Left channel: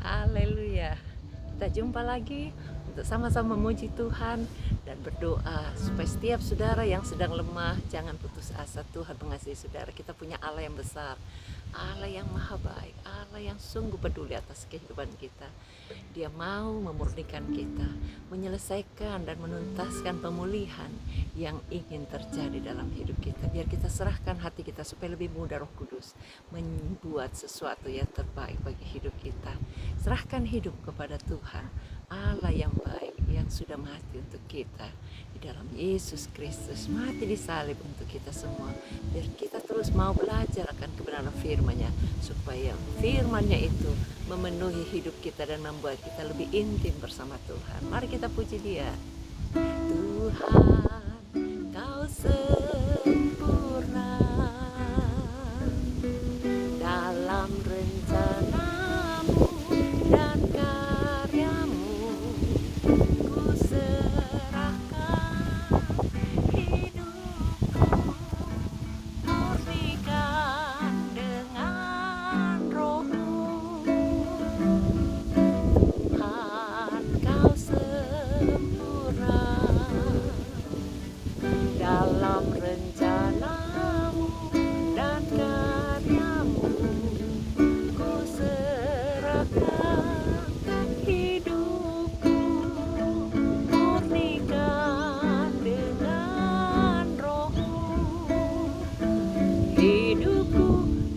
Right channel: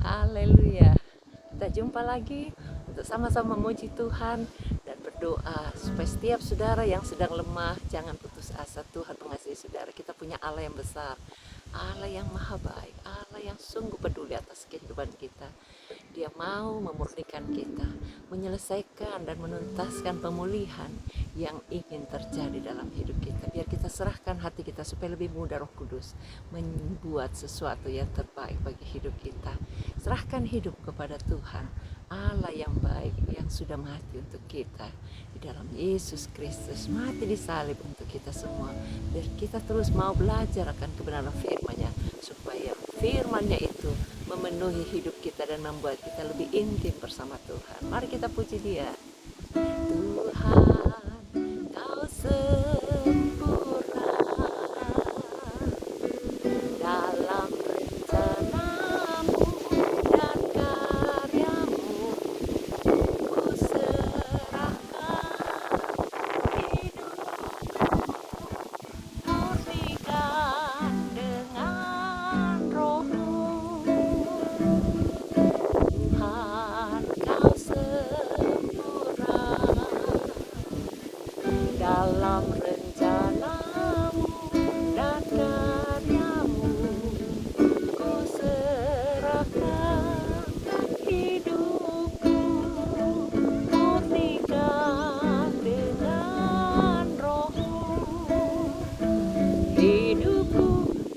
Haleluya. Kita jumpa lagi untuk sama-sama memuji Tuhan dan berdoa supaya setiap saudara yang sedang lemah jangan putus asa. Tuhan mengasihi saudara. Kita punya Allah yang besar, Allah yang maha baik, Allah yang sungguh peduli atas kehidupan kita. Dia mau memurnikan kita, menyelesaikan dan menuntaskan pemulihan yang ingin terjadi dalam hidup kita. Biar kita serahkan hati kita supaya lebih mudah Roh Kudus membuat sesuatu yang terbaik bagi hidup kita. Serahkan hidup kepada Tuhan, Allah yang baik, yang sudah mati untuk kita di dalam Yesus Kristus, mati di salib untuk kita semua. Biar kita terus mau belajar akan kebenaran firman-Nya, supaya firman-Nya itu memenuhi hidup kita dan membuat kita lebih intim bersama Tuhan. Mari kita puji Dia. Tuhan, Kau sempurna dalam rencanamu dan karyamu. Ku serahkan hidupku, murnikan dengan Roh-Mu. Tuhan, Kau sempurna dalam rencanamu dan karyamu. Ku serahkan hidupku, murnikan dengan Roh-Mu. Hidupku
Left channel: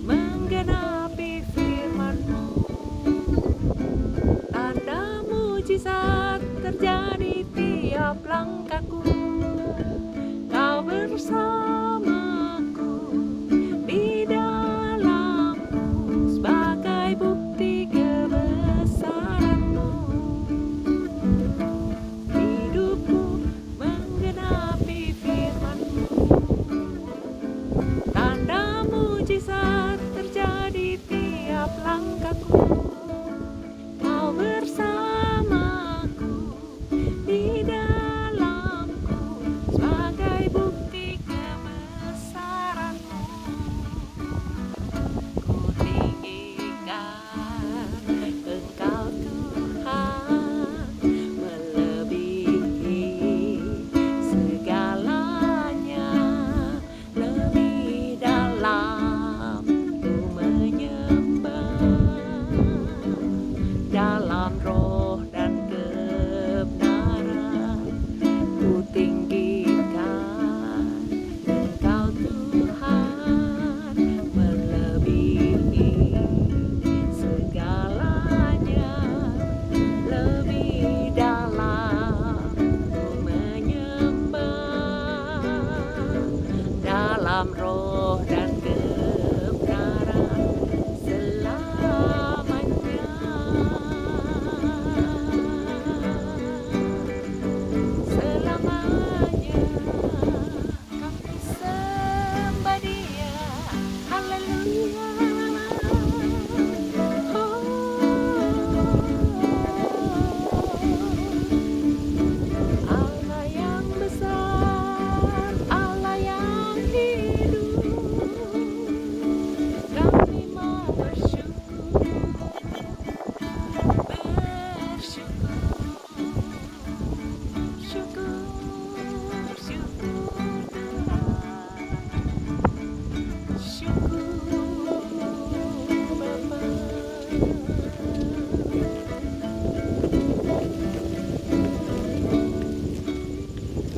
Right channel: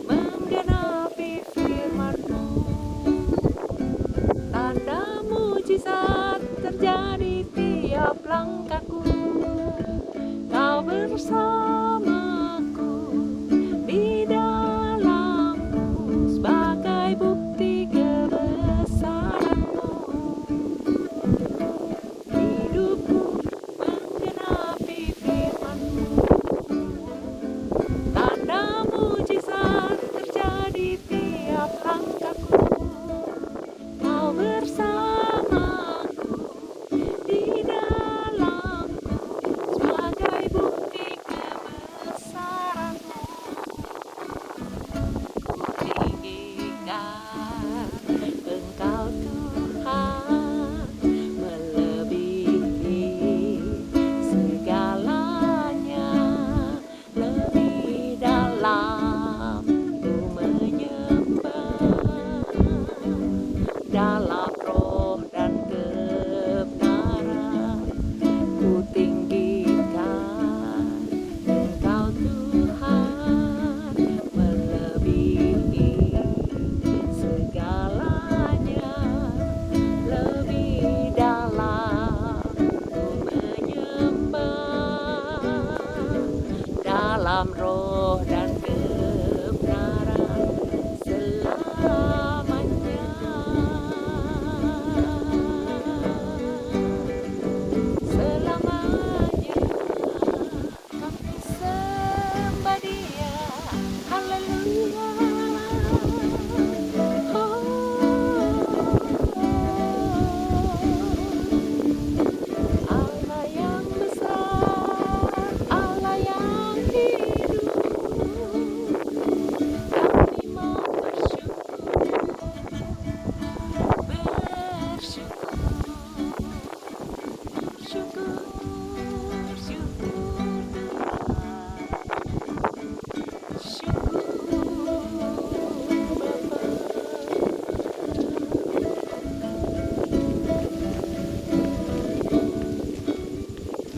menggenapi firman-Mu, tanda mujizat terjadi tiap langkahku. Kau bersamaku di dalamku sebagai bukti kebesaran-Mu. Hidupku menggenapi firman-Mu, tanda mujizat terjadi tiap langkahku. Kau bersamaku di dalamku sebagai bukti kebesaran-Mu. Ku tinggikan Engkau Tuhan, melebihi segalanya. Lebih dalam ku menyembah, dalam roh dan kebenaran. Ku tinggikan Engkau Tuhan, melebihi segalanya. Lebih dalam ku menyembah, dalam roh dan kebenaran selamanya. Selamanya kami sembah Dia. Haleluya. Allah yang besar, Allah yang hidup, kami mau bersyukur, syukur, syukur Bapa.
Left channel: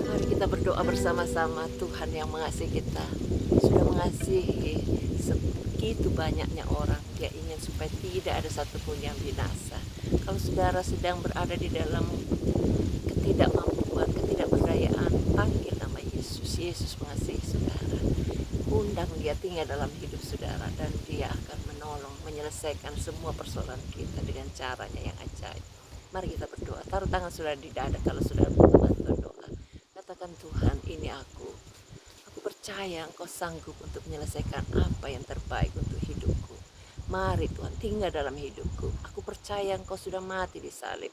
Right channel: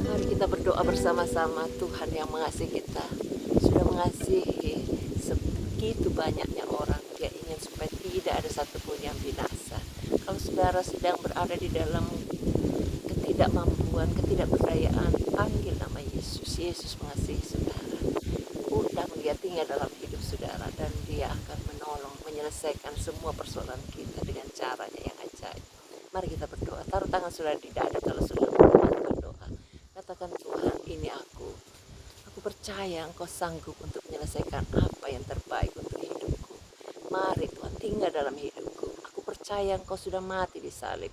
Mari kita berdoa bersama-sama. Tuhan yang mengasihi kita, sudah mengasihi sebegitu banyaknya orang. Dia ingin supaya tidak ada satupun yang binasa. Kalau saudara sedang berada di dalam ketidakmampuan, ketidakberdayaan, panggil nama Yesus. Yesus mengasihi saudara. Undang Dia tinggal dalam hidup saudara, dan Dia akan menolong, menyelesaikan semua persoalan kita dengan caranya yang ajaib. Mari kita berdoa. Taruh tangan saudara di dada kalau saudara berdoa. Katakan, Tuhan, ini aku. Aku percaya Engkau sanggup untuk menyelesaikan apa yang terbaik untuk hidupku. Mari Tuhan, tinggal dalam hidupku. Aku percaya Engkau sudah mati di salib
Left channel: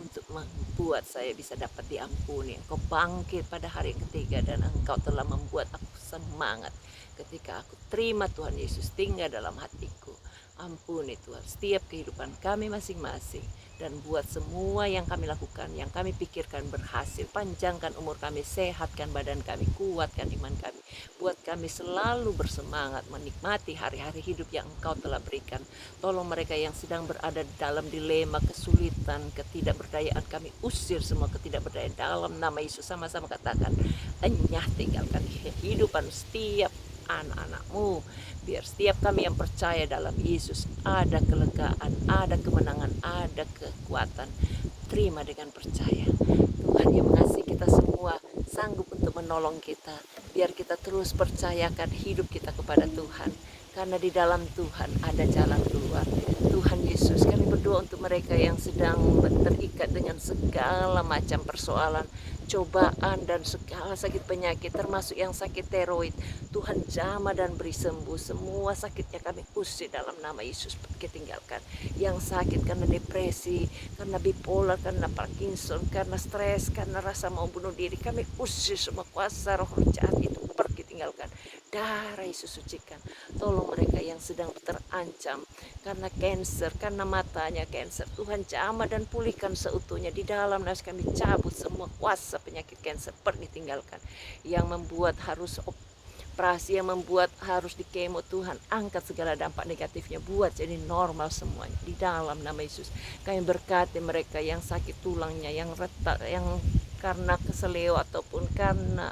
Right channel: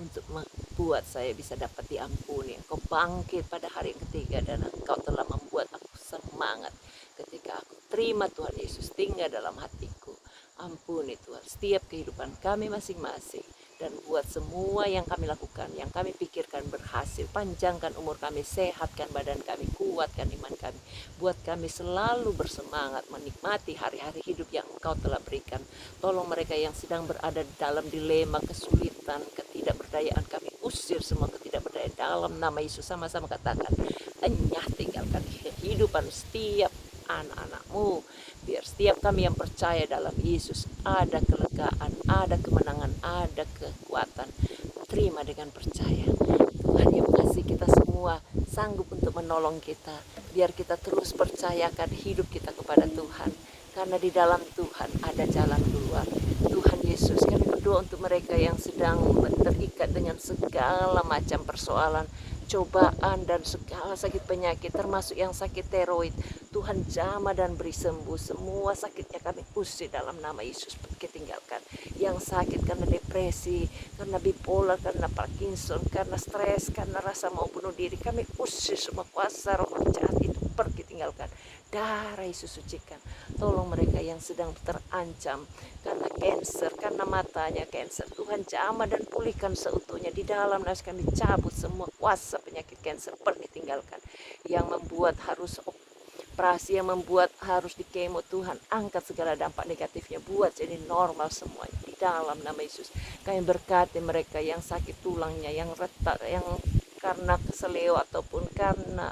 untuk membuat saya bisa dapat diampuni. Engkau bangkit pada hari yang ketiga, dan Engkau telah membuat aku semangat ketika aku terima Tuhan Yesus tinggal dalam hatiku. Ampuni Tuhan setiap kehidupan kami masing-masing. Dan buat semua yang kami lakukan, yang kami pikirkan berhasil. Panjangkan umur kami, sehatkan badan kami, kuatkan iman kami. Buat kami selalu bersemangat menikmati hari-hari hidup yang Engkau telah berikan. Tolong mereka yang sedang berada dalam dilema, kesulitan, ketidakberdayaan, kami usir semua ketidakberdayaan dalam nama Yesus. Sama-sama katakan, enyah tinggalkan kehidupan setiap anak-anak-Mu. Biar setiap kami yang percaya dalam Yesus ada kelegaan, ada kemenangan, ada kekuatan. Terima dengan percaya. Tuhan yang mengasihi kita semua sanggup untuk menolong kita. Biar kita terus percayakan hidup kita kepada Tuhan. Karena di dalam Tuhan ada jalan keluar. Tuhan Yesus, kami berdoa untuk mereka yang sedang terikat dengan segala macam persoalan, cobaan dan segala sakit penyakit, termasuk yang sakit tiroid. Tuhan jamah dan beri sembuh. Semua sakitnya kami usir dalam nama Yesus, pergi tinggalkan. Yang sakit karena depresi, karena bipolar, karena Parkinson, karena stres, karena rasa mau bunuh diri, kami usir semua kuasa roh jahat itu, pergi tinggalkan. Darah Yesus sucikan. Tolong mereka yang sedang terancam karena kanker, karena matanya kanker, Tuhan jamah dan pulihkan seutuhnya. Di dalam nas kami cabut semua kuasa penyakit kanker, pergi tinggalkan. Yang membuat harus operasi, yang membuat harus di kemo, Tuhan angkat segala dampak negatifnya, buat jadi normal semuanya di dalam nama Yesus. Kami berkati mereka yang sakit tulangnya, yang retak, yang karena keseleo ataupun karena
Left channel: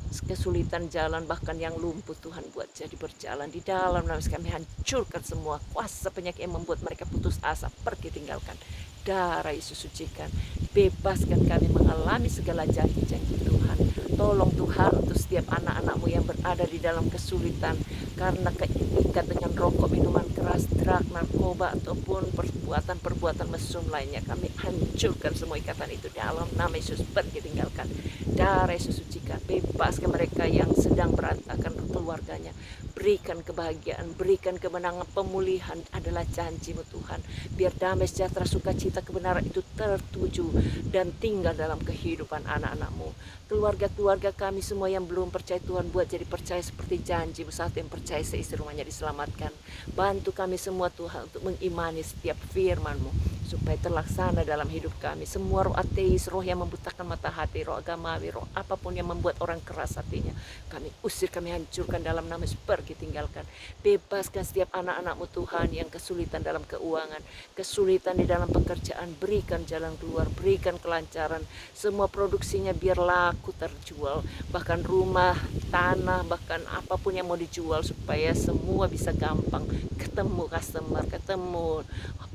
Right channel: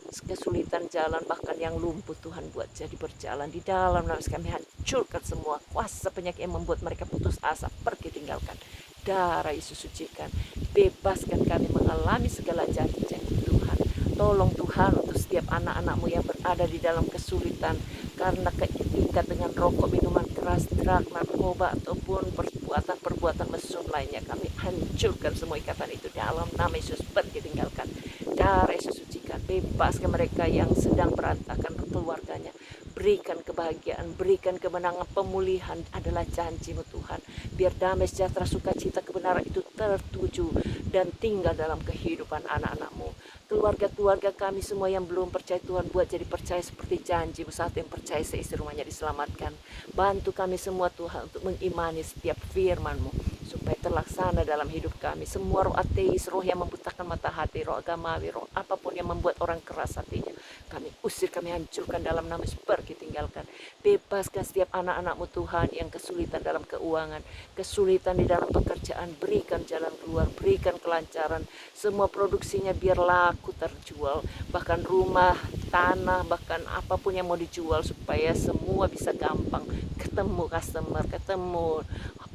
kesulitan jalan, bahkan yang lumpuh, Tuhan buat jadi berjalan. Di dalam nama kami hancurkan semua kuasa penyakit yang membuat mereka putus asa, pergi tinggalkan. Darah Yesus sucikan. Bebaskan kami mengalami segala janji-janji Tuhan. Tolong Tuhan untuk setiap anak-anak-Mu yang berada di dalam kesulitan karena keikat dengan rokok, minuman keras, drug, narkoba ataupun perbuatan-perbuatan mesum lainnya. Kami hancurkan semua ikatan itu dalam nama Yesus, pergi tinggalkan. Darah Yesus sucikan. Bebaskan mereka yang sedang berantakan keluarganya. Berikan kebahagiaan, berikan kemenangan, pemulihan adalah janji-Mu Tuhan. Biar damai, sejahtera, sukacita, kebenaran itu tertuju dan tinggal dalam kehidupan anak-anak-Mu. Keluarga-keluarga kami semua yang belum percaya, Tuhan buat jadi percaya seperti janji-Mu. Saat yang percaya seisi rumahnya diselamatkan. Bantu kami semua Tuhan untuk mengimani setiap firman-Mu supaya terlaksana dalam hidup kami. Semua roh ateis, roh yang membutakan mata hati, roh agamawi, roh apapun yang membuat orang keras hatinya, kami usir, kami hancurkan dalam nama Yesus, pergi tinggalkan. Bebaskan setiap anak-anak-Mu Tuhan yang kesulitan dalam keuangan, kesulitan di dalam pekerjaan, berikan jalan keluar, berikan kelancaran. Semua produksinya biar laku terjual, bahkan rumah, tanah, bahkan apapun yang mau dijual, supaya semua bisa gampang ketemu customer, ketemu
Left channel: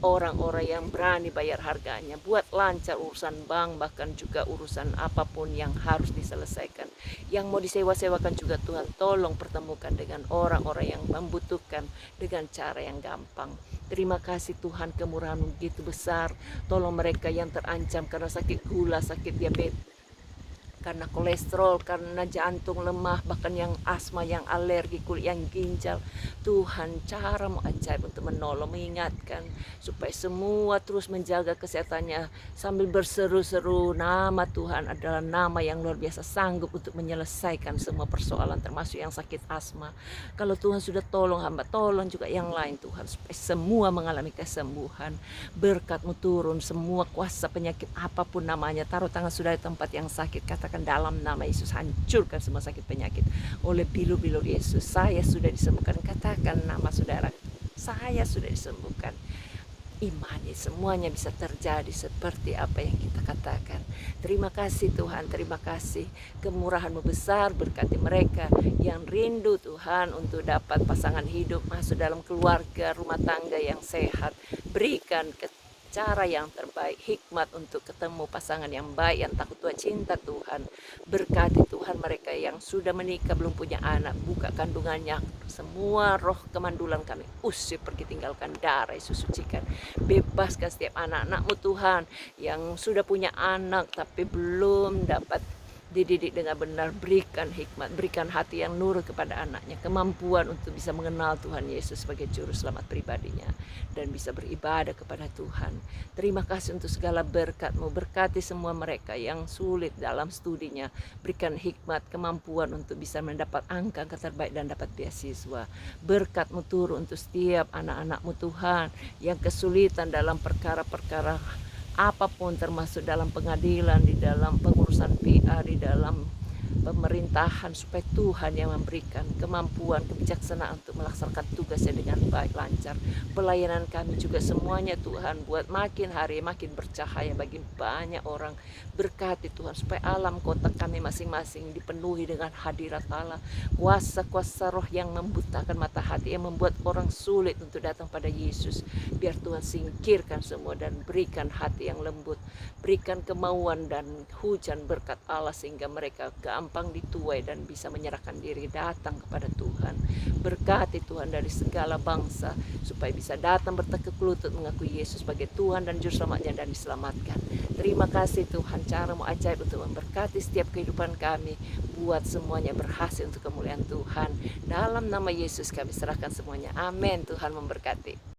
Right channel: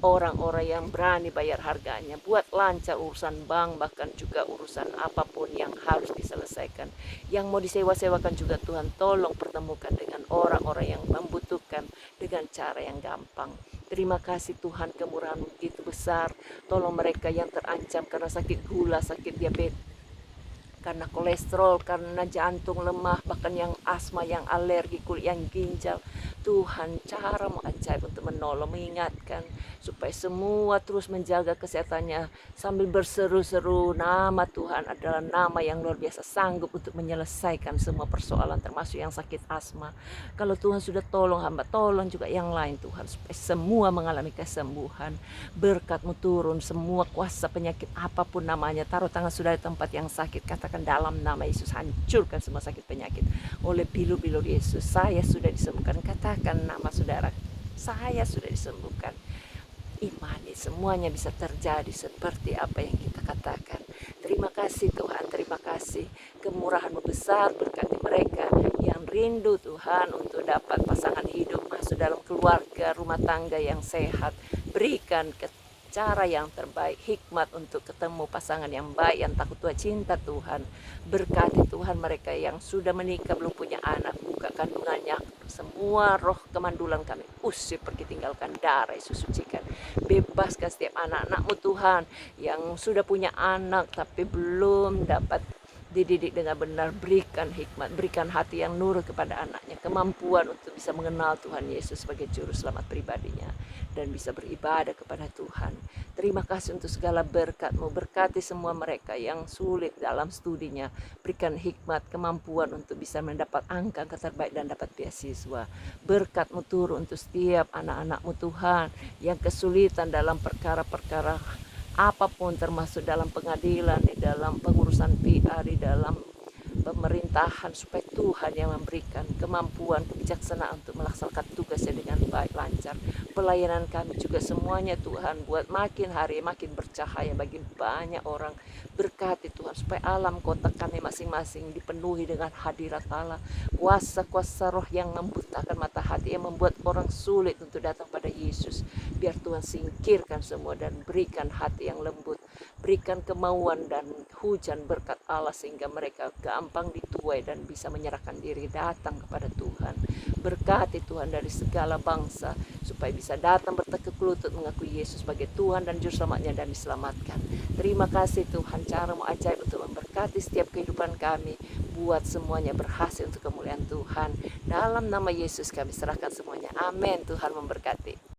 orang-orang yang berani bayar harganya. Buat lancar urusan bank, bahkan juga urusan apapun yang harus diselesaikan. Yang mau disewa-sewakan juga Tuhan tolong pertemukan dengan orang-orang yang membutuhkan dengan cara yang gampang. Terima kasih Tuhan, kemurahan begitu besar. Tolong mereka yang terancam karena sakit gula, sakit diabetes, karena kolesterol, karena jantung lemah, bahkan yang asma, yang alergi, kulit, yang ginjal. Tuhan cara-Mu ajaib untuk menolong, mengingatkan supaya semua terus menjaga kesehatannya sambil berseru-seru. Nama Tuhan adalah nama yang luar biasa, sanggup untuk menyelesaikan semua persoalan, termasuk yang sakit asma. Kalau Tuhan sudah tolong hamba, tolong juga yang lain Tuhan, supaya semua mengalami kesembuhan. Berkat-Mu turun, semua kuasa penyakit apapun namanya, taruh tangan saudara di tempat yang sakit, katakan dalam nama Yesus, hancurkan semua sakit penyakit oleh bilu-bilu Yesus. Saya sudah disembuhkan. Katakan nama saudara, saya sudah disembuhkan. Imani semuanya bisa terjadi seperti apa yang kita katakan. Terima kasih Tuhan, terima kasih. Kemurahan-Mu besar, berkati mereka yang rindu Tuhan untuk dapat pasangan hidup, masuk dalam keluarga, rumah tangga yang sehat. Berikan cara yang terbaik, hikmat untuk ketemu pasangan yang baik, yang takut Tuhan, cinta Tuhan. Berkati Tuhan mereka yang sudah menikah belum punya anak, buka kandungannya. Semua roh kemandulan kami usir, pergi tinggalkan. Darah Yesus sucikan. Bebaskan setiap anak-anak-Mu Tuhan yang sudah punya anak tapi belum dapat dididik dengan benar. Berikan hikmat, berikan hati yang nurut kepada anaknya, kemampuan untuk bisa mengenal Tuhan Yesus sebagai juru selamat pribadinya. dan bisa beribadah kepada Tuhan. Terima kasih untuk segala berkat-Mu. Berkati semua mereka yang sulit dalam studinya. Berikan hikmat, kemampuan untuk bisa mendapat angka terbaik dan dapat beasiswa. Berkat-Mu turun untuk setiap anak-anak-Mu Tuhan yang kesulitan dalam perkara-perkara apapun, termasuk dalam pengadilan, di dalam pengurusan PA, di dalam pemerintahan, supaya Tuhan yang memberikan kemampuan, kebijaksanaan untuk melaksanakan tugasnya dengan baik, lancar. Pelayanan kami juga semuanya Tuhan, buat makin hari makin bercahaya bagi banyak orang. Berkati Tuhan, supaya alam kota kami masing-masing dipenuhi dengan hadirat Allah. Kuasa-kuasa roh yang membutakan mata hati, yang membuat orang sulit untuk datang pada Yesus. Biar Tuhan singkirkan semua dan berikan hati yang lembut. Berikan kemauan dan hujan berkat Allah, sehingga mereka gampang dituai dan bisa menyerahkan diri datang kepada Tuhan. Berkati Tuhan dari segala bangsa, supaya bisa datang bertekuk lutut mengakui Yesus sebagai Tuhan dan Juru Selamatnya dan diselamatkan. Terima kasih Tuhan, cara-Mu ajaib untuk memberkati setiap kehidupan kami. Buat semuanya berhasil untuk kemuliaan Tuhan. Dalam nama Yesus kami serahkan semuanya. Amin. Tuhan memberkati.